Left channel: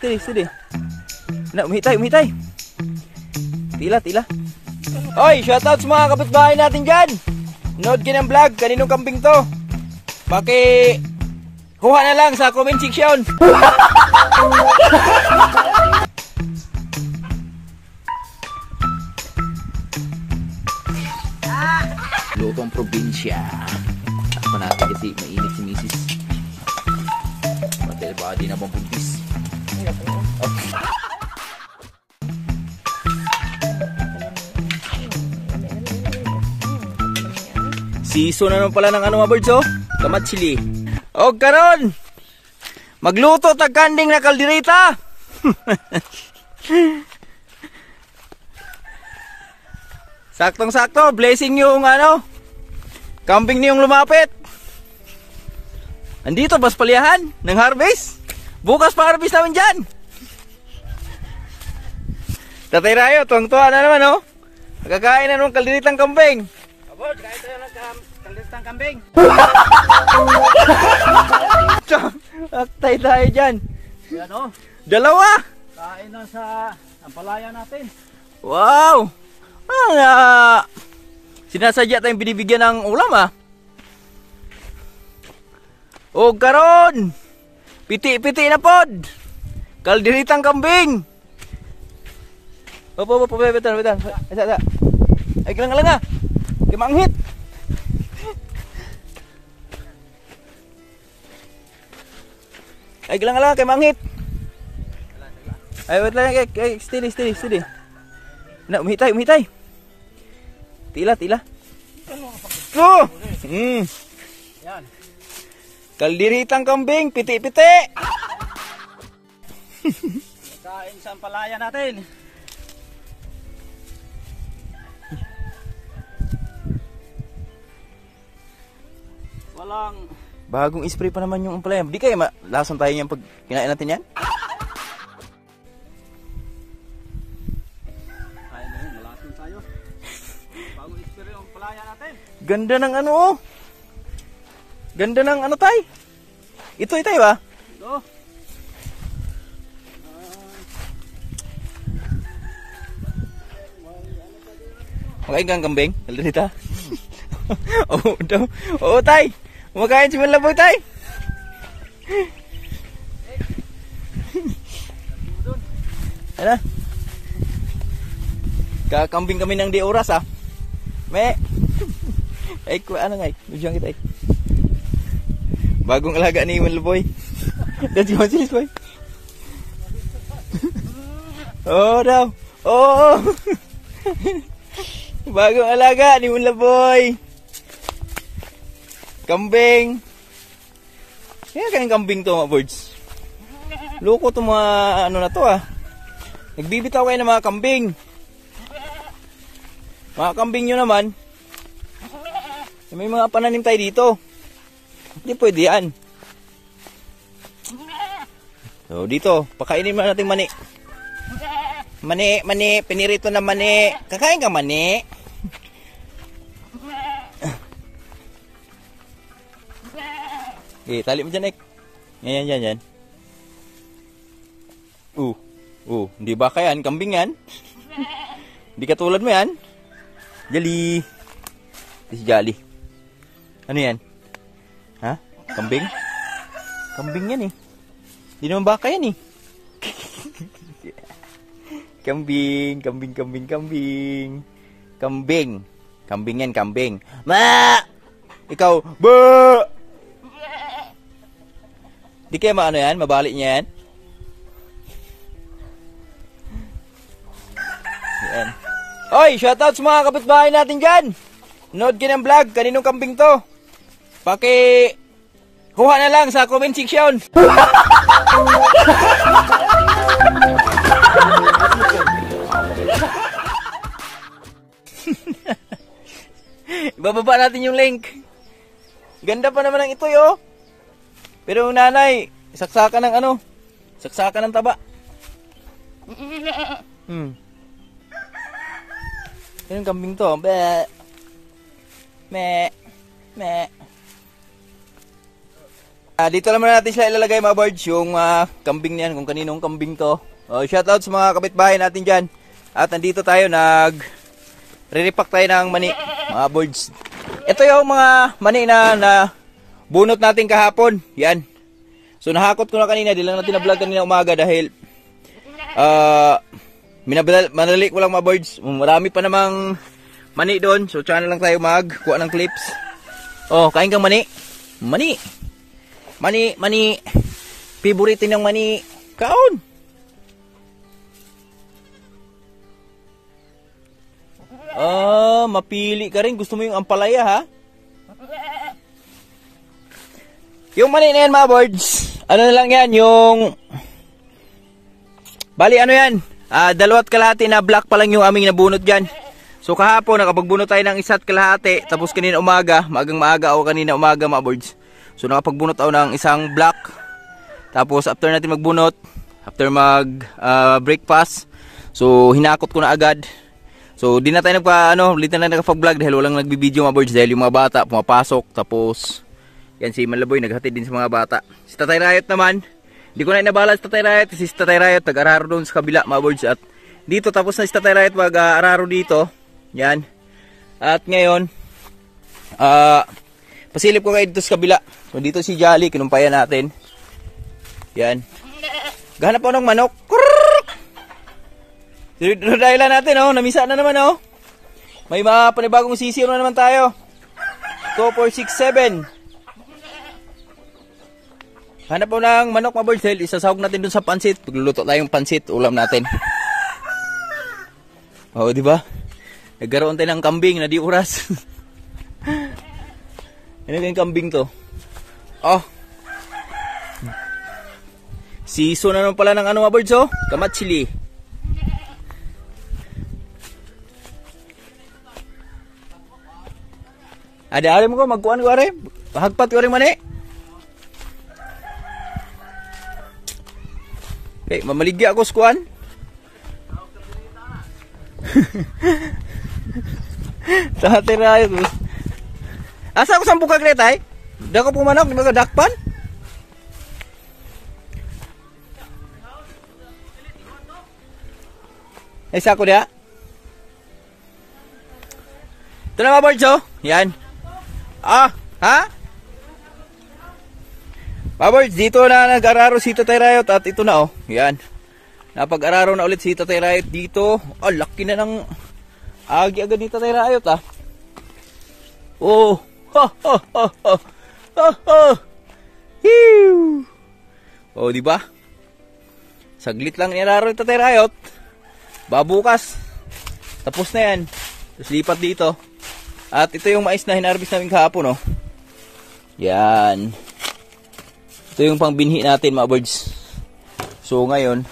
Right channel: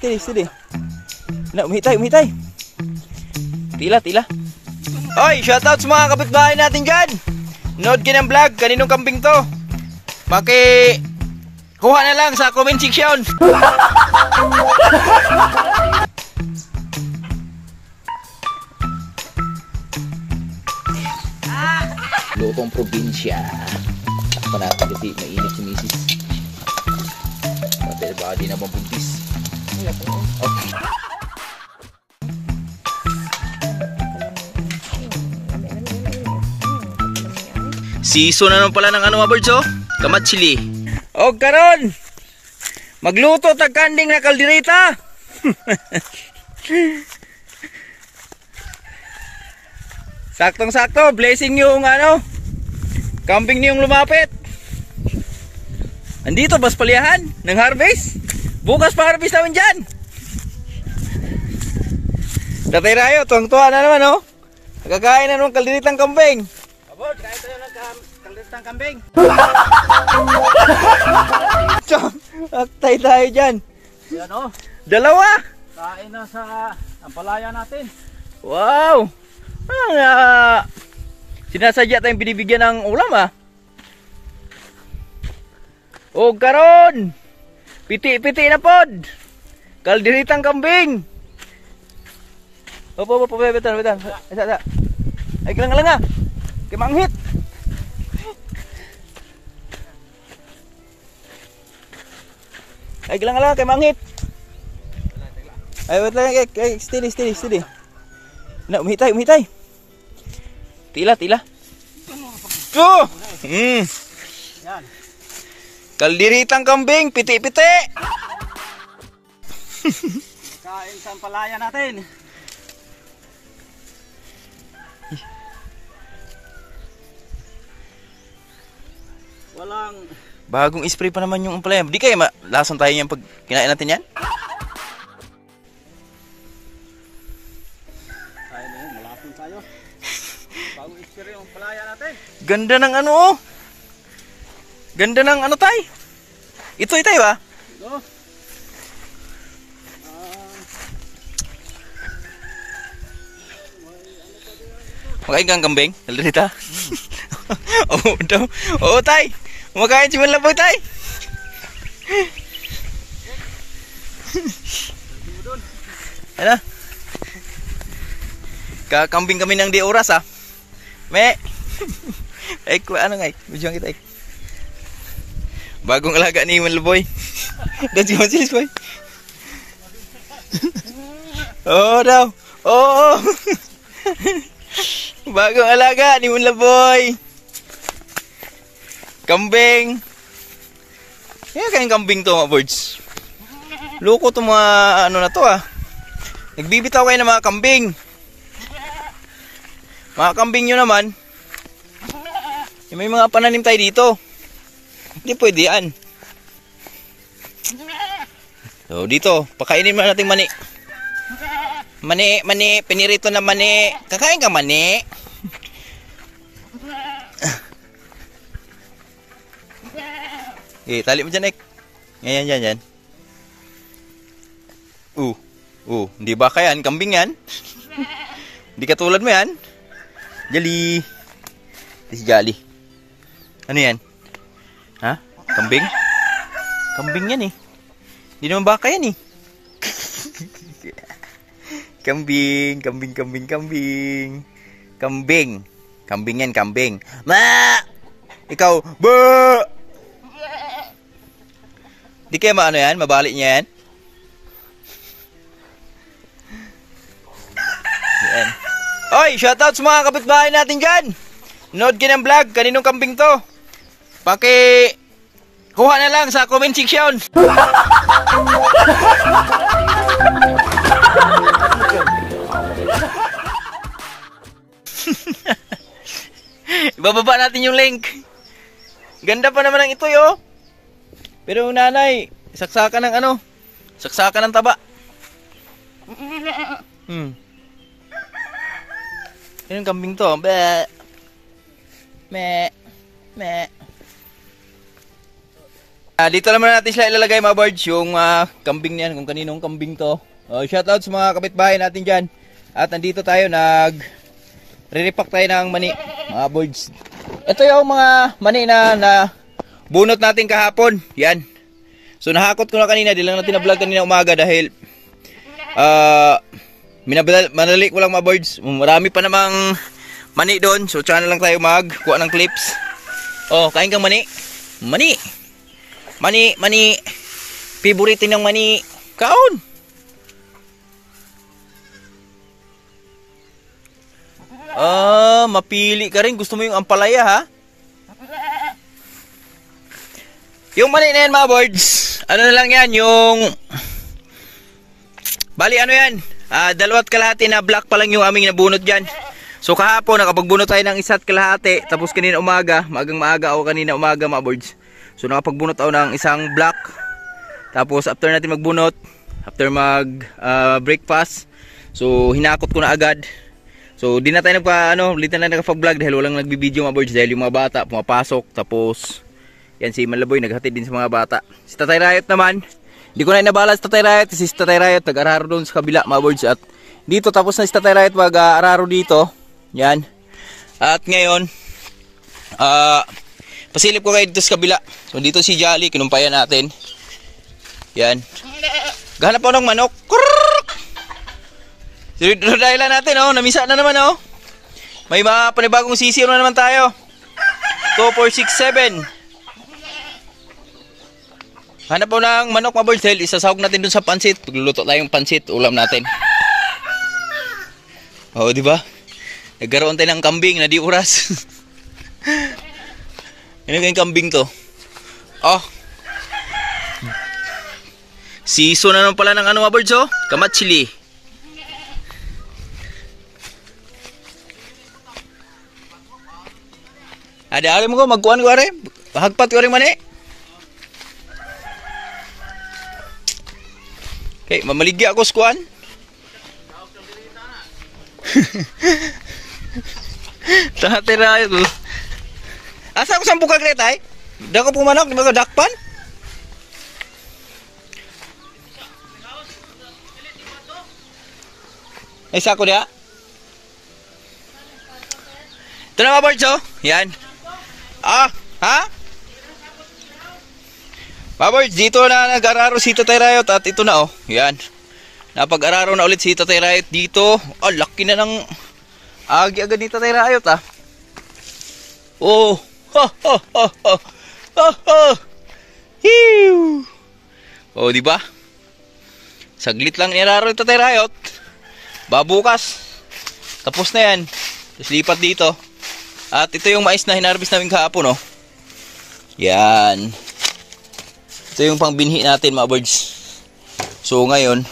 Steady, steady. Na, umihitay, umihitay. Tila, tila. Oy, shoutout sa mga kapitbahay natin dyan. Nood ka ng vlog, kaninong kambing to? Kuha na lang sa comment section. Lutong probinsya. Ako natin kasi mainit si misis. Pati baka di na mabuntis. Season na naman pala ng ano mga birds, oh? Kamatsili. O karon, magluto tag kanding na kaldereta. Saktong-sakto, blessing yung ano, kambing niyong lumapit. Andito, bas palihan ng harvest. Bukas pa harvest naman dyan. Tatay Rayo, tuwang-tuwa na naman, oh. Magkakain na nung kalderetang kambing. Abot, kain tayo ng kalderetang kambing. Aktay tayo dyan. Yan, oh. Dalawa. Kain na sa ampalaya natin. Wow. Sinasadya tayong binibigyan ng ulam, ah. O karon, piti-piti na pod. Kalderetang kambing. Opo, betan. Ay, kalang ah. Kemanghit. Ay, kalang kemanghit. Ay, wait lang, steady. Na, umihitay. Tila. Oh! Yan. Kalderetang kambing, piti-piti. Kain sa ampalaya natin. Walang Bagong spray pa naman yung ampalaya. Di kaya lasan tayo niyan pag kinain natin yan? kain na yun, malasin tayo. Bagong experience yung ampalaya natin. Ganda ng ano, oh. Ganda ng ano, tay. Ito, tayo, ah. Ito. Makain kang kambing? Kaldereta? Oo, daw. Oo, tay. Makain si Malaboy, tay. Ano? Kakambing kami ng di oras, ah. Me. Ay, ano nga, budyang kita, bagong alaga ni Malaboy. That's yung silis, boy. Oo, daw. Oo. Bagong alaga ni Malaboy. Kambing. Kaya kayong kambing to, mga birds. Loko to mga ano na to, ah. Nagbibitaw kayo ng mga kambing. Mga kambing nyo naman. May mga pananim tayo dito. Hindi pwede yan. So dito, pakainin mo natin mani. Mani, pinirito na mani. Kakain ka mani. Okay, tali mo dyan, Ek. Yan. Hindi ba yan? Kambing yan? Hindi katulad mo yan? Jali. Ito si Jali. Ano yan? Ha? Kambing? Kambing yan, eh. Hindi naman baka yan, eh. Kambing. Kambing yan, kambing. Ma! Ikaw, ba! Di kaya maano yan? Mabalik niya yan? Yan. Oy, shoutout sa mga kapitbahay natin dyan. Nood ka ng vlog, kaninong kambing to? Kuha na lang sa comment section. Ibababa natin yung link. Ganda pa naman ang ito, yo. Pero yung nanay, saksakan ng ano? Saksakan ng taba. Yung kambing to. Be. Me. Dito naman natin sila ilalagay mga birds, yung kambing niyan, kung kaninong kambing to. Shoutout sa mga kapitbahay natin dyan. At nandito tayo, re-repack tayo ng mani, mga birds. Ito yung mga mani na bunot natin kahapon. Yan. So nahakot ko na kanina, di lang natin na-vlog kanina umaga dahil manali ko lang mga birds. Marami pa namang mani doon. So tsaka na lang tayo magkuha ng clips. Oh, kain kang mani. Mani. Mani. Favorite ng mani. Kaon. Mapili ka rin. Gusto mo yung ampalaya, ha? Yung mani na yan, mga birds. Ano na lang yan, yung... Bali, ano yan? 2.5 na black pa lang yung aming nabunot dyan. So kahapon, nakapagbunot tayo ng 1.5. Tapos kanina umaga, maaga o kanina umaga, mga birds. So nakapagbunot ako ng isang black. Tapos after natin magbunot, after breakfast, so hinakot ko na agad. So di na tayo nagpa-vlog dahil walang nagbibideo mga birds dahil yung mga bata pumapasok. Tapos yan si Malaboy naghatid din sa mga bata. Si Tatay Riot naman, hindi ko na inabala si Tatay Riot. Si Tatay Riot nag-araro doon sa kabila mga birds. At dito tapos na si Tatay Riot mag-araro dito. Yan. At ngayon pasilip ko kayo dito sa kabila. So dito si Jolly, kinumpayan natin. Yan. Gahanap po ng manok. Dahilan natin, oh. Namisa na naman, oh. May mga panibagong sisiyo na naman tayo. 2, 4, 6, 7. Hanap po ng manok, mga birds. Isasahog natin dun sa pansit. Pagluluto tayong pansit, ulam natin. Oh, di ba? Nagkaroon tayo ng kambing na di oras. Ano kayong kambing to? Oh. Season na naman pala ng mga birds, oh. Kamatsili. Ada ari mo ko magkuan ko ari. Hagpat ko ring mani. Okay, mamaligya ako sa kuan. Tatira ito. Asa ko sampu ka gretay? Dako po manok, di ba ka dakpan? Ay sa ko dia. Ito na mga birds, oh. Yan. Ha? Mga birds, dito na nag-araro si Tatay Riot at ito na, oh. Yan. Napag-araro na ulit si Tatay Riot dito. Laki na ng agi agad ni Tatay Riot, ah. Oh. Hiu. Oh, di ba? Saglit lang niraro ni Tatay Riot. Babukas. Tapos na yan. Tapos lipat dito. At ito yung mais na hinarvest namin kahapon, oh. Yan. Ito yung pangbinhi natin, mga birds. So ngayon,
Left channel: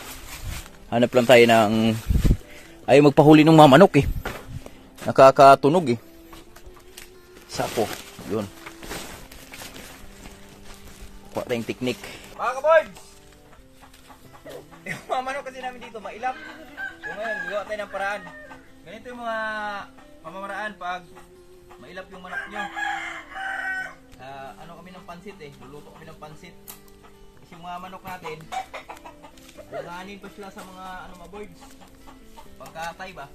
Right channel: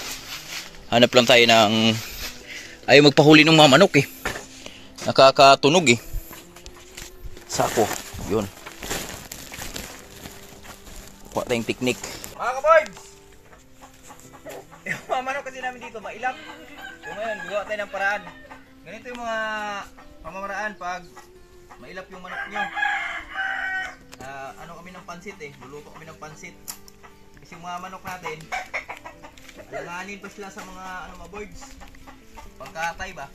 hanap lang tayo ng ayaw magpahuli ng mga manok, eh. Nakakatunog, eh. Sako. Yun. Kuha tayong teknik. Mga ka-birds! Yung mga manok kasi namin dito, mailap. So ngayon, gagawa tayo ng paraan. Ganito yung mga pamamaraan pag mailap yung manok nyo. Ano kami ng pansit, eh. Luluto kami ng pansit. Kasi yung mga manok natin, alanganin pa sila sa mga mga birds. Pagkatay ba?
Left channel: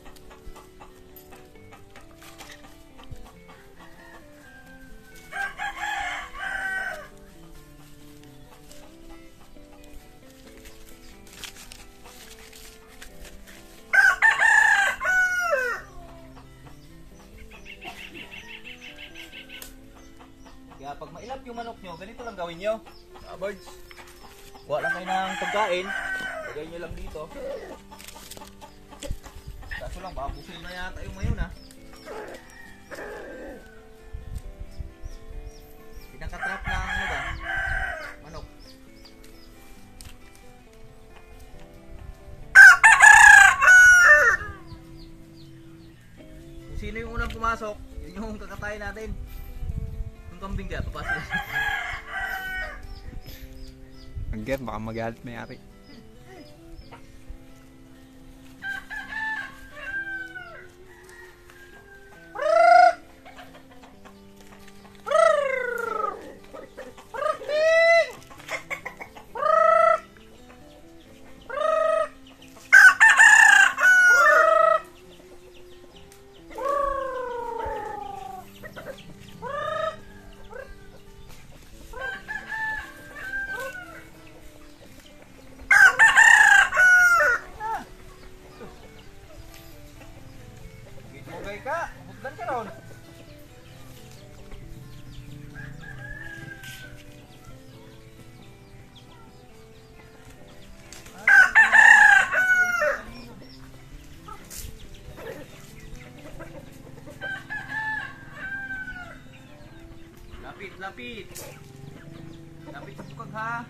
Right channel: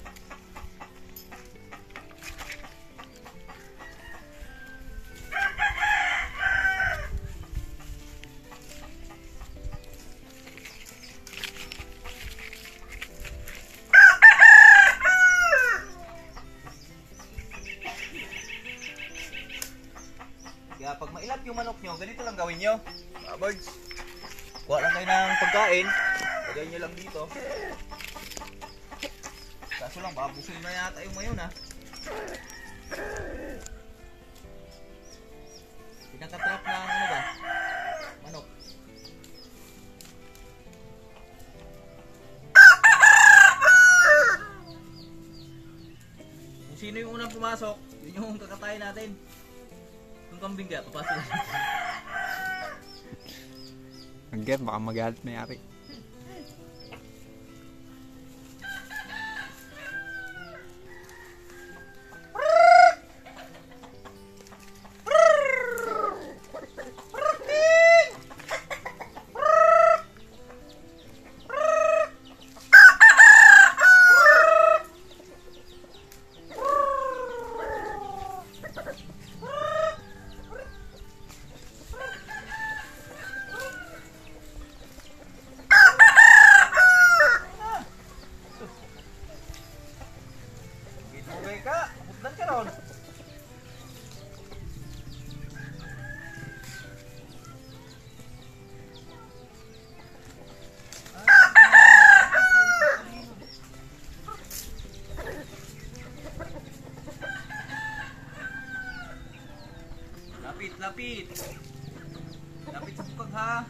Kaya pag mailap yung manok nyo, ganito lang gawin nyo. Mga birds, kuha lang kayo ng pagkain. Lagay nyo lang dito. Kaso lang, babusog na yata yung mayon, ha. Pinakatrap ng ano ba? Manok. Kung sino yung unang pumasok, yun yung kakatayin natin. Kambing ka, papasok na. Hanggang baka magalit may-ari. lapit. Lapit sa bukag ha.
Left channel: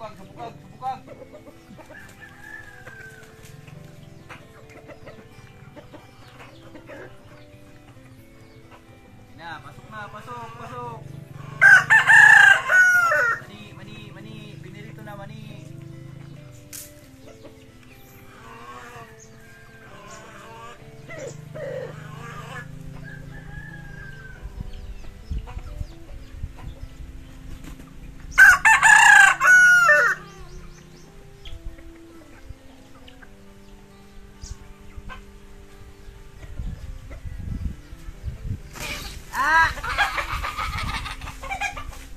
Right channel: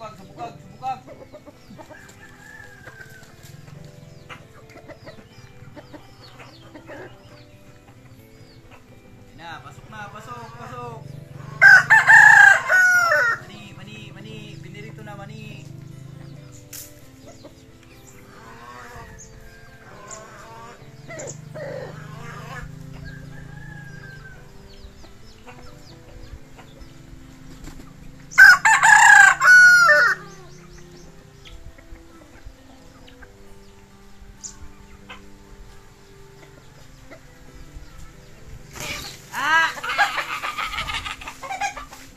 Sa bukag. Pasok. Mani. Binirito na, mani.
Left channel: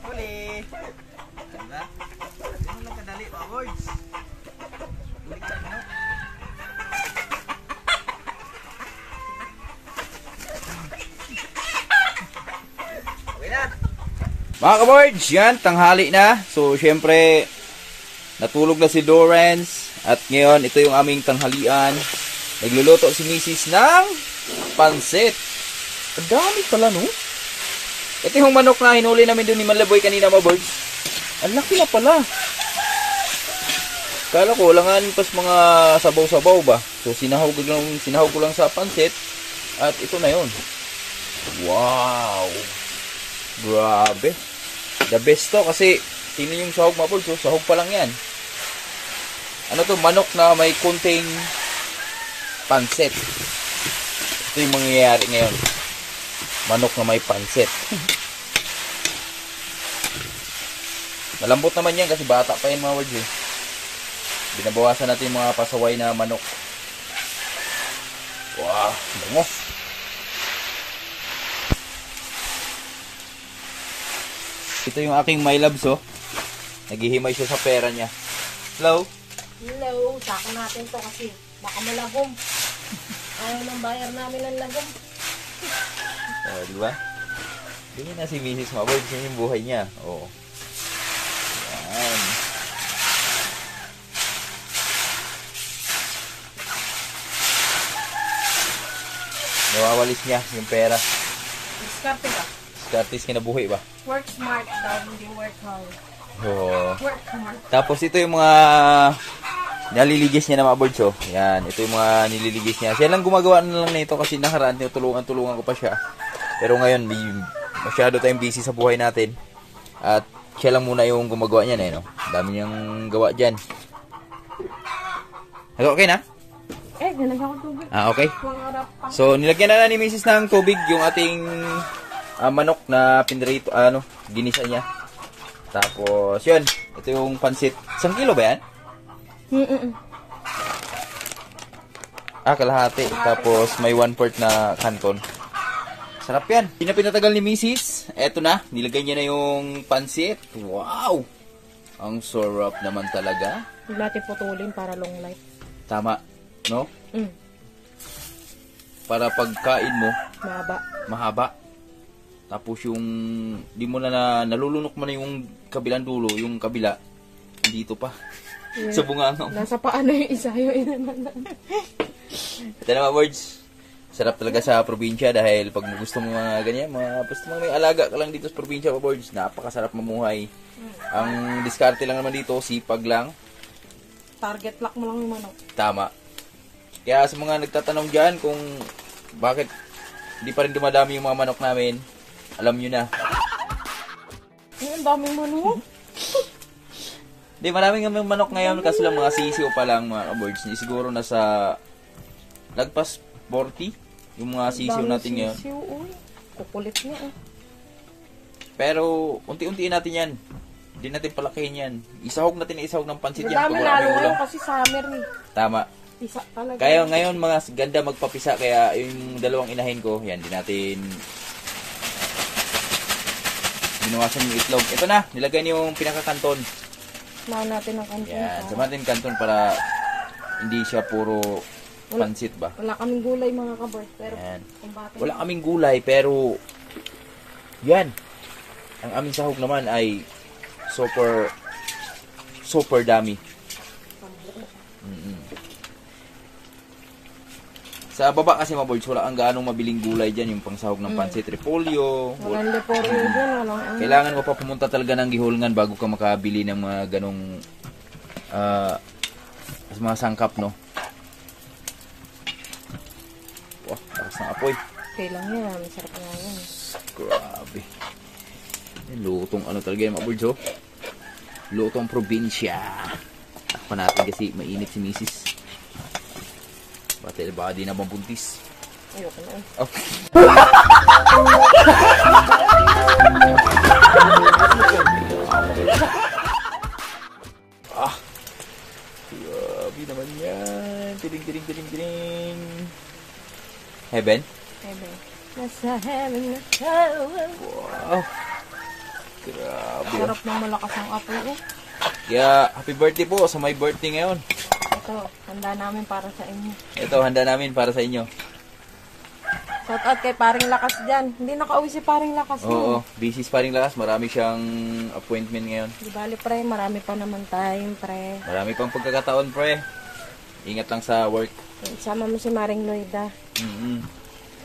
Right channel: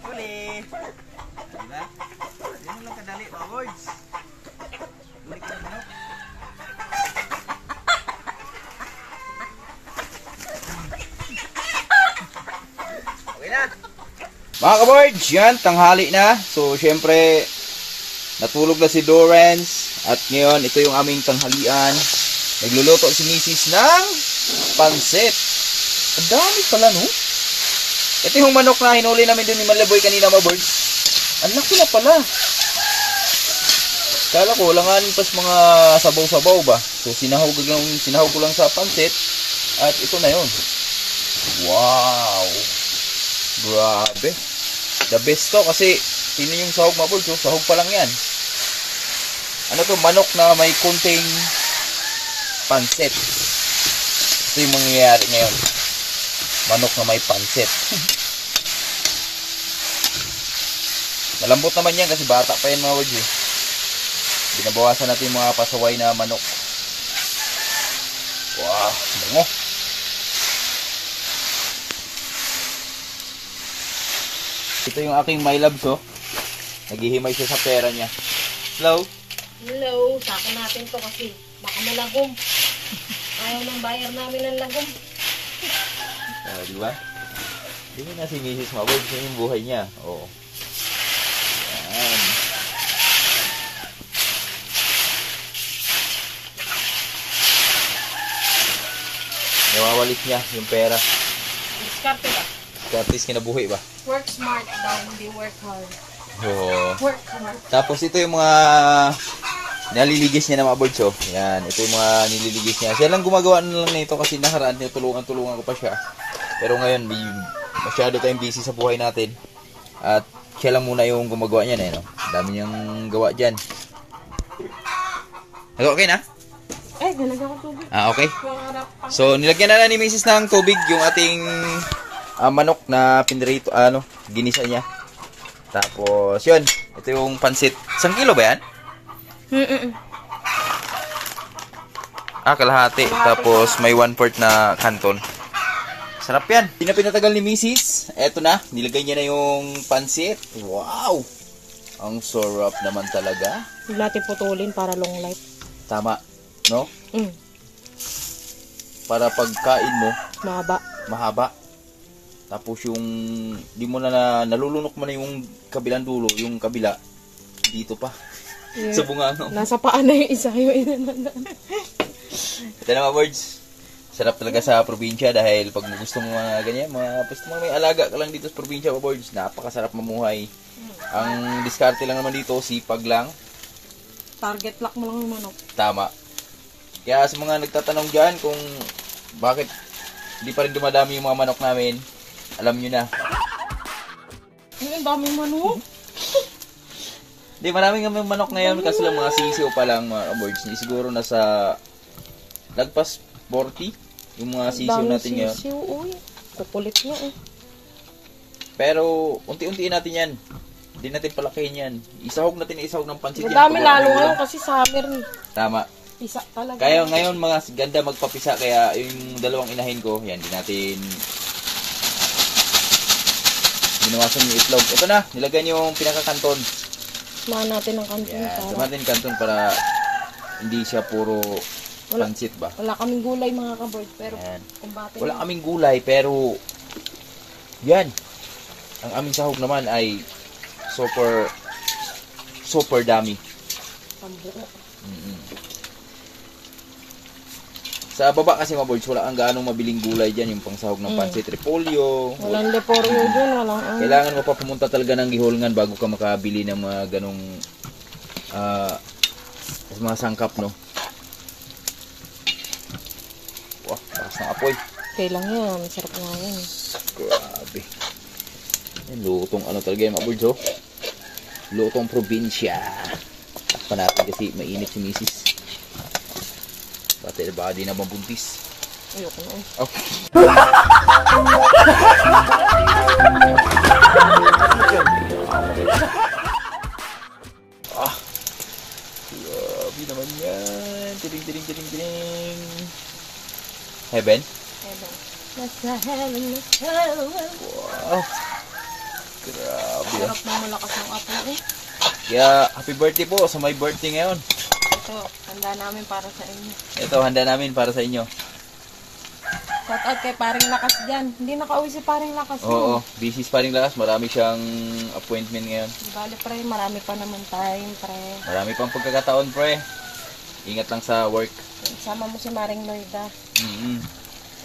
Huli. Diba? Ganun lang kadali, mga boys. Huli ka na manok. Okay na. Mga ka-boards, yan, tanghali na. So, syempre, natulog na si Dorrance. At ngayon, ito yung aming tanghalian. Nagluluto si Mrs. ng pansit. Ang dami pala, no? Ito yung manok na hinuli namin doon ni Malaboy kanina, mga boards. Ang laki na pala. Kala ko, langan pas mga sabaw-sabaw ba? So, sinahog ko lang sa pansit. At ito na yon. Wow! Grabe. The best to kasi tingnan yung sahog, mga boards. So, sahog pa lang yan. Ano to? Manok na may konting pansit. Ito yung mangyayari ngayon. Manok na may pansit. Malambot naman yan kasi bata pa yan, mga boards eh. Binabawasan natin yung mga pasaway na manok. Wow, bango. Ito yung aking my loves, oh. Naghihimay siya sa pera niya. Hello? Hello, sako natin to kasi baka malagom. Ayaw ng bayar namin ng lagom. Diba? Tingnan na si Mrs. Maboy. Gusto yung buhay niya. Oo. Yan. Nawawalis niya yung pera. Diskarte ba? At kinabuhi ba? Work smart daw, hindi work hard. Oo. Work hard. Tapos ito yung mga naliligis niya na mga boards, oh. Yan. Ito yung mga nililigis niya. Siya lang gumagawa na lang nito kasi nakaraan tulungan ko pa siya. Pero ngayon, masyado tayong busy sa buhay natin. At siya lang muna yung gumagawa niyan eh, no? Dami niyang gawa dyan. Okay na? Nalagyan ko tubig. Okay. So, nilagyan na ni Mrs. ng tubig yung ating manok na pinrito, ginisa niya. Tapos, yun. Ito yung pansit. 1 kilo ba yan? Kalahati. Tapos, may 1/4 na kanton. Sarap yan. Pinatagal ni Mrs. Eto na. Nilagay niya na yung pansit. Wow! Ang sarap naman talaga. Huwag natin putulin para long life. Tama. No? Mm. Para pagkain mo, mahaba. Tapos yung, di mo na nalulunok mo na yung kabilang dulo, yung kabila, dito pa. Yeah. Sa bunganga. Nasa paa na yung isa. Ito na mga words. Sarap talaga sa probinsya dahil pag gusto mo mga ganyan, basta may alaga ka lang dito sa probinsya, mga boards, napakasarap mamuhay. Ang diskarte lang naman dito, sipag lang. Target lock mo lang yung manok. Tama. Kaya sa mga nagtatanong dyan kung bakit hindi pa rin dumadami yung mga manok namin, alam nyo na. Ay, ang daming manok. Hindi, maraming manok ngayon kasi lang mga sisiw pa lang, mga boards. Siguro nasa lagpas 40. Yung mga sisiw natin ngayon. Sisiw, uy. Kukulit niya eh. Pero, unti-untiin natin yan. Hindi natin palakihin yan. Isahog natin ng pansit yan. Madami lalo ngayon kasi summer ni. Tama. Pisa talaga. Kaya ngayon mga ganda magpapisa. Kaya yung dalawang inahin ko, yan, di natin binawasan yung itlog. Ito na, nilagyan yung pinakakanton. Samahan natin ng kanton. Yan, samahan natin kanton para hindi siya puro pansit ba? Wala kaming gulay mga kaboard, pero wala kaming gulay, pero yan. Ang aming sahog naman ay super dami. Sa baba kasi mga boys, wala ang gaanong mabiling gulay dyan. Yung pangsahog ng pansit, repolyo. Walang leporyo dyan, walang Kailangan mo pa pumunta talaga ng gihulngan bago ka makabili ng mga ganong mga sangkap, no? Wow, takas na apoy. Okay lang yan, masarap na yan. Grabe. Yan, lutong ano talaga yung mga boys, oh. Lutong probinsya. Takpan natin kasi mainit si misis. Baka di na mabuntis. Ayoko na. Okay. Ah. Grabe naman yan. Tiring. Heaven? Heaven. Nasa heaven na tayo. Wow. Grabe. Sarap na malakas ang apoy eh. Kaya, happy birthday po sa my birthday ngayon. Ito, handa namin para sa inyo. Ito, handa namin para sa inyo. Shout out kay Paring Lakas dyan. Hindi nakauwi si Paring Lakas. Oo, busy pa rin lakas. Marami siyang appointment ngayon. Di bali pre, marami pa naman time pre. Marami pang pagkakataon, pre. Ingat lang sa work. Sama mo si Maring Loida.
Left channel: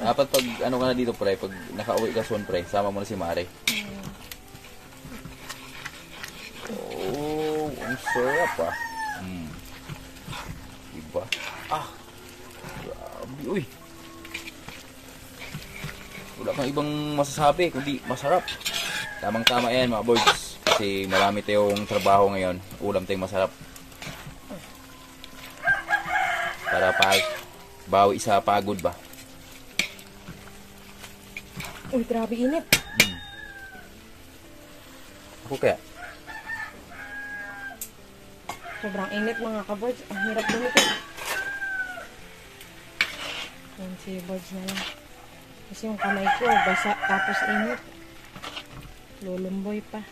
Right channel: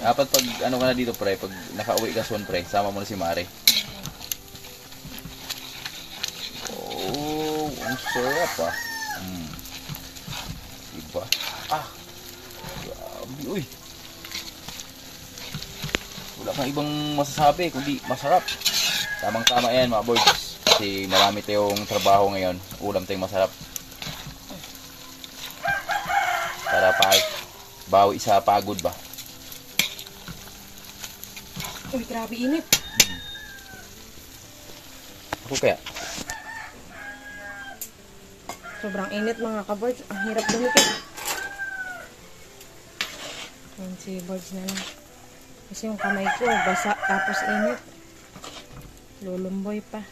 Dapat pag ano ka na dito, pre, pag nakauwi ka soon, pre, sama mo na si Mare. Oh, ang sarap ah. Diba? Ah, grabe, uy. Wala kang ibang masasabi, kundi masarap. Tamang-tama yan, mga boys. Kasi marami tayong trabaho ngayon. Ulam tayong masarap. Para bawi sa pagod ba? Uy, grabe init. Ako kaya? Sobrang init mga ka-birds. Ang hirap dumikit. Yan si birds na lang. Kasi yung kamay ko, basa tapos init. Lulumboy pa.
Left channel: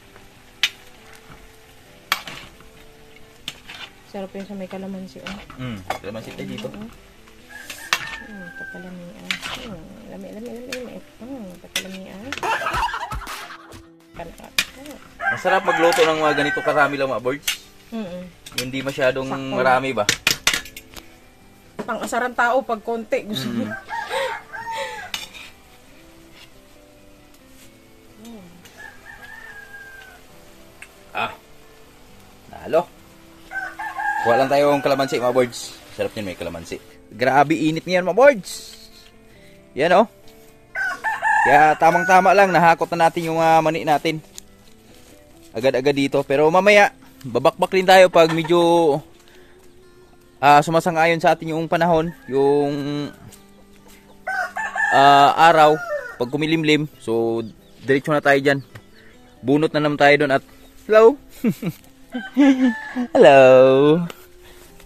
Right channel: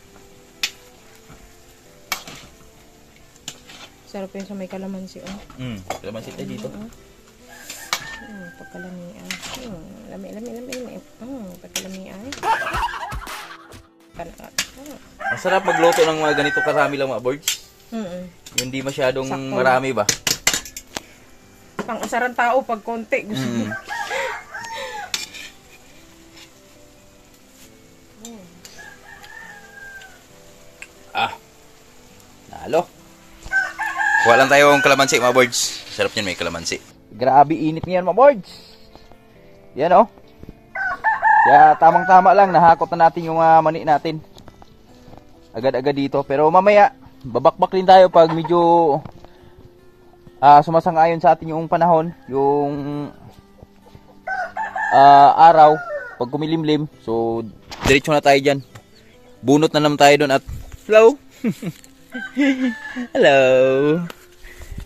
Sarap yun sa may kalamansi. Kalamansi tayo dito. Pagkalamian. Lami. Pagkalamian. Masarap magluto ng mga ganito karami lang mga birds. Hindi masyadong sakto marami ba? Pang-asaran tao pag konti. Gusto mo. Ah. Nalo. Kuha lang tayong kalamansi mga birds. Sarap niyan may kalamansi. Grabe init niyan mga birds. Yan oh. Kaya tamang-tama lang nahakot na natin yung mani natin. Agad-agad dito. Pero mamaya babakbak din tayo pag medyo sumasang-ayon sa atin yung panahon, yung araw, pag kumilimlim. So, diretso na tayo dyan. Bunot na naman tayo doon at hello! Hello!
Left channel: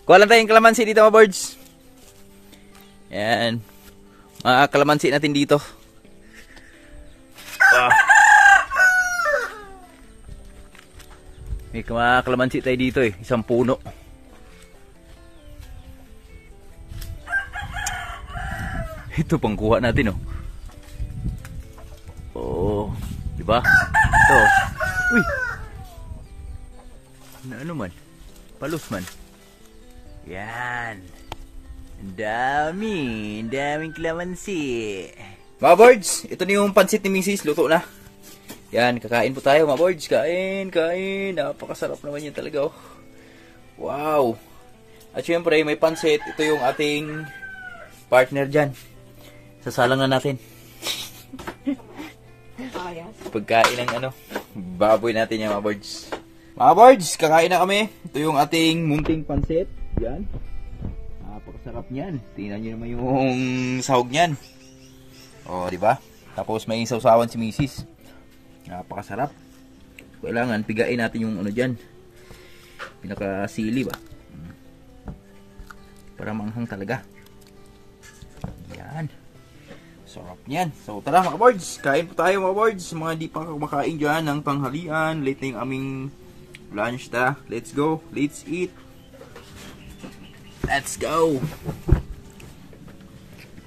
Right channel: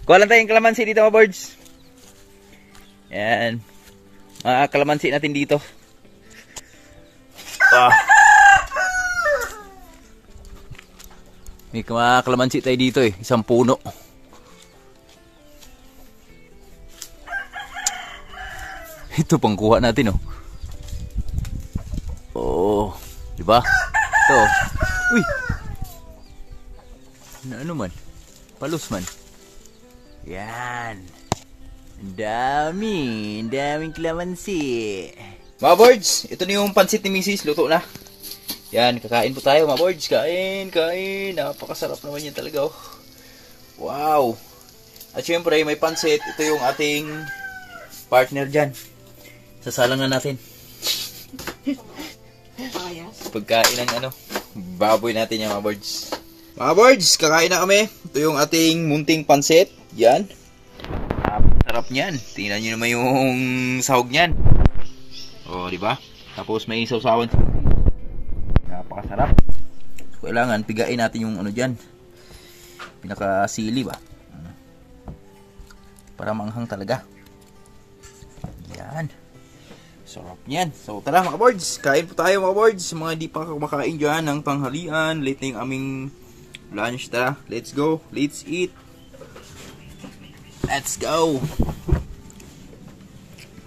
Kuha lang tayong kalamansi dito mga birds. Yan. Mga kalamansi natin dito. May kalamansi tayo dito eh. Isang puno. Ito pang kuha natin oh. Oh, di ba? Ito. Uy. Na ano man? Palus man. Yan. Ang daming kalamansi. Mga birds, ito na yung pansit ni Mrs. Luto na. Yan, kakain po tayo mga birds. Kain. Napakasarap naman yan talaga oh. Wow. At syempre may pansit. Ito yung ating partner dyan. Sasalang na natin. Pagkain ng ano, baboy natin yung mga birds. Mga birds, kakain na kami. Ito yung ating munting pansit. Yan. Sarap niyan. Tingnan nyo naman yung sahog niyan. O, di ba? Tapos may sausawan si Mrs. Napakasarap. Kailangan pigain natin yung ano diyan. Pinakasili ba? Para manghang talaga. Yan. Sarap niyan. So tara mga birds, kain po tayo mga birds. Mga hindi pa kumakain dyan ng tanghalian. Late na yung aming lunch. Tara, let's go. Let's eat. Let's go.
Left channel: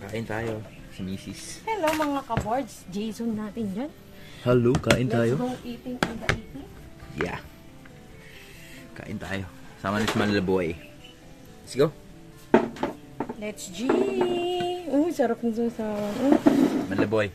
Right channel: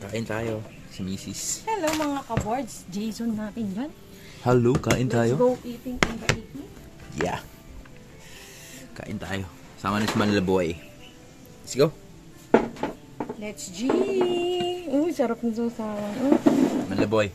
Kain tayo. Si Mrs. Hello mga ka-birds. Jason natin yan. Hello, kain tayo. Let's go eating in the evening. Yeah. Kain tayo. Sama ni si Manila Boy. Let's go. Let's G. Uy, sarap ng sausawan. Uy. Malaboy.